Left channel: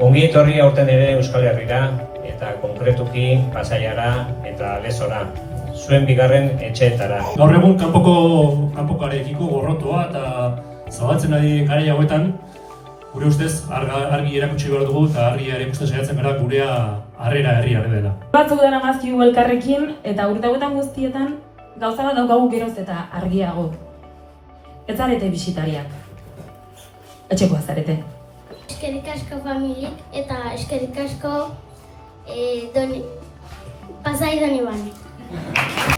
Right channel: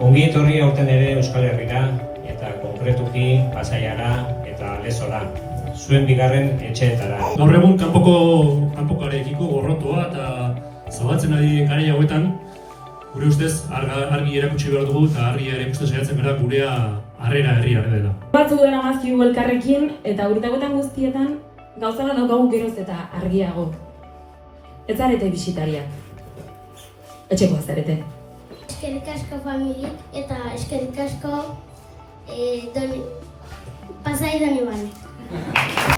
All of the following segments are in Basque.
Ongi etorri aurten ere Euskal Herrira eta konkretuki Pasaiara eta Lezora, zuen bigarren etxeetara. Gaur egun kanpokarekiko gorrotoa eta zabaltzen ari garai hauetan, gure ustez argi erakutsi behar dugu eta argi erakusten saiatzen gara gurea harrera herriaren dela. Batzuk dara mazkigu elkarrekin eta urte hauetan guztietan gauza bat daukagu geroz eta argiago. Ez zarete bisitariak. Etxekoa zarete. Eskerrik asko familik eta eskerrik asko Pasai Donibane.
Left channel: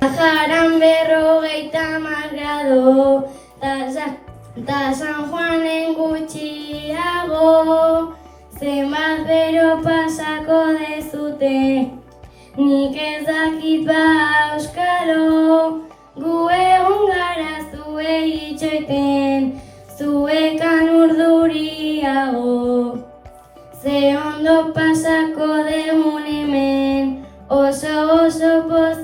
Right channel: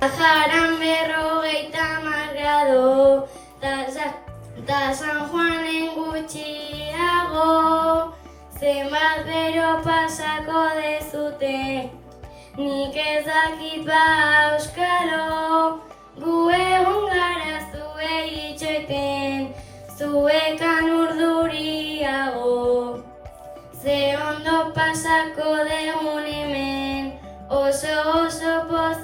Bajaran 50 grado ta San Juanen gutxiago, zenbat bero pasako dezute, nik ez dakit ba euskaro, gu egon gara zuei itxoiten, zuekan urduriago. Ze ondo pasako degun hemen, oso pozik.